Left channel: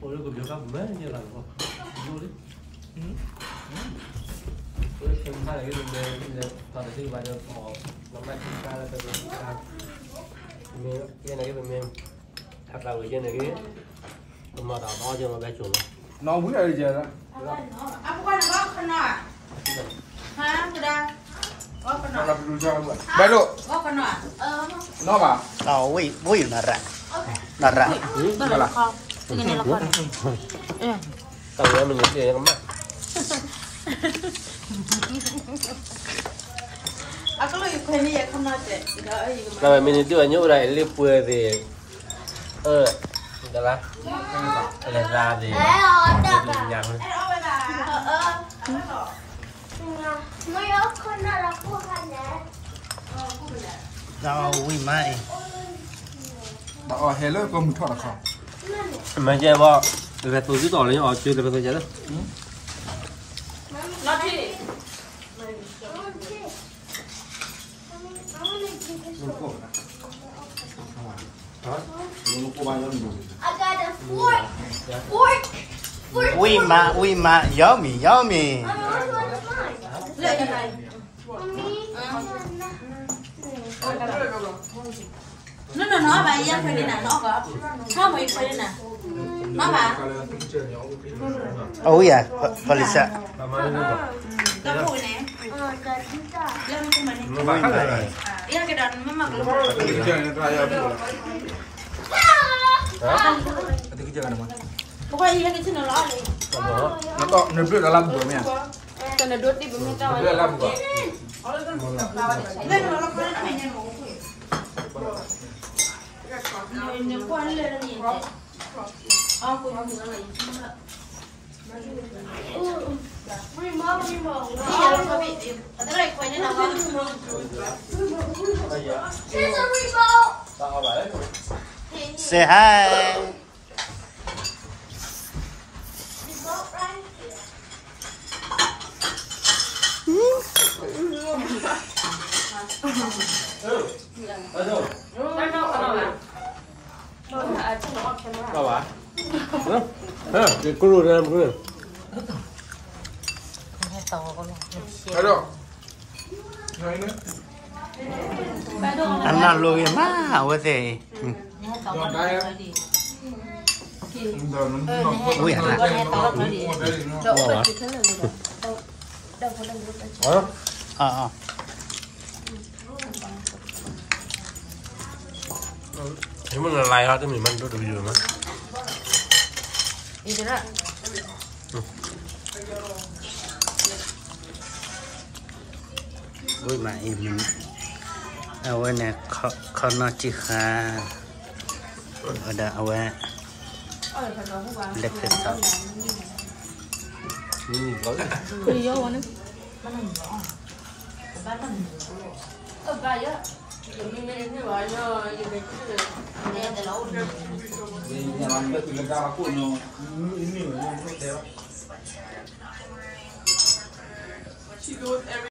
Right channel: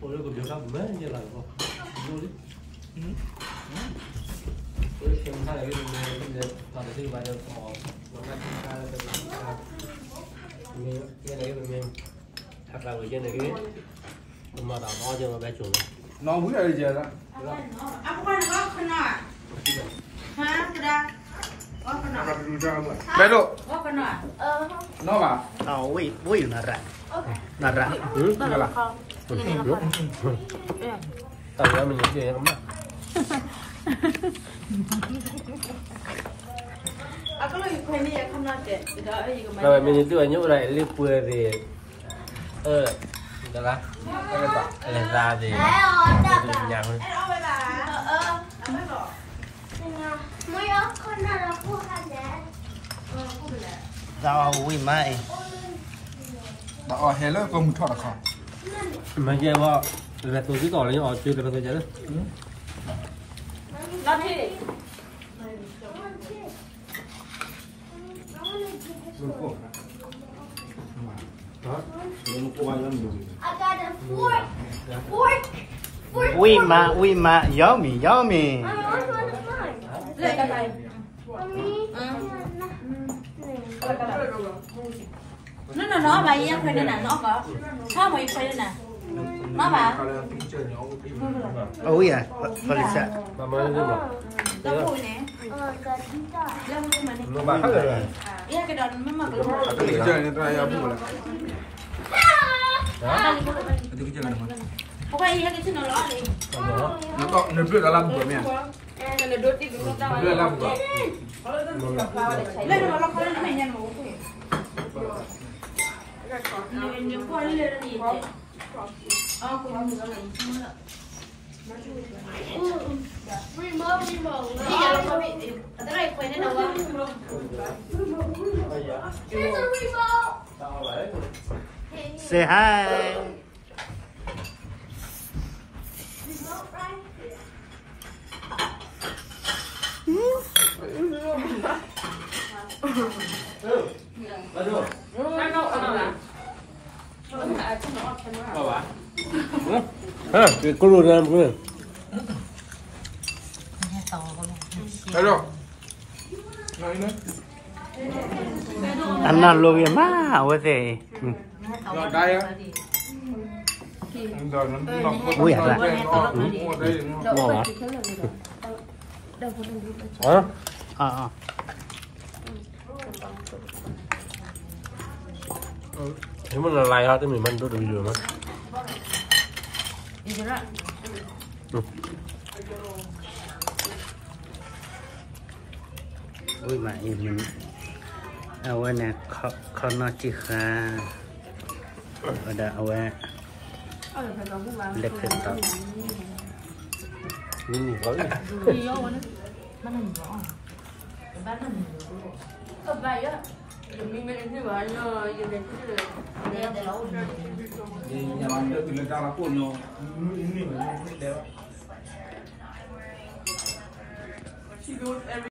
Ủa nó còn điều khác mấy như là không? Vô đi. Tôi xem hai cái đường này toàn là thứ vài đường bỏ nó ngay trên ta là cái đường ta. Cái này cái đường mềm thật là người trên này cái mà đào to chưa mà bé chuột nó muốn đây giờ đó Aku kan nggak kena. Hah, sudah. Oh kena. bé độ Oh kena. nó bảo tao vui là rạ tao nói mình cái gì mắt Aku lagi kena ya kena deh. Tidak aja kemana. là mình itu nhớ này liệp quê thì đó là ra thì nhà thôi tao vui mai bảo hello có một thọ là khó mà chơi bao được tôi chỉ tỏ là họ chơi được tôi chơi đó Nó thì. mình có đó mình có bao nhiêu đủ vui mà yummy Nó bà yên phải đi nào nó có. Sao mày phải đi nào? Nó bà. ôi à Felisa Có mùi nè. Lên của mình đi. nó bán rồi Iya cái đòn nó mặc luôn. cái chơi này tôi ăn được cái chơi này Pokoknya iya itu nolok nih. nó có nó biết là làm của mình Kena duduk di gunung tahu. biết làm của Lên nolok kalian mainnya mau. Yang kuat lihat ni. Aku mau lagi. Iya, lo kami. Terus kau ini apa? say hi cái cô luôn làm cái hello nói nữa anh nó lùi má với thế rồi đây á vui à rạ wow hả nếu mà là lại thôi thì mình ăn được rồi mà vui mà mình ở nè khó nó chỉ khá ở đây ở lép hết sao nhà làm cái từ ra của nó nhiều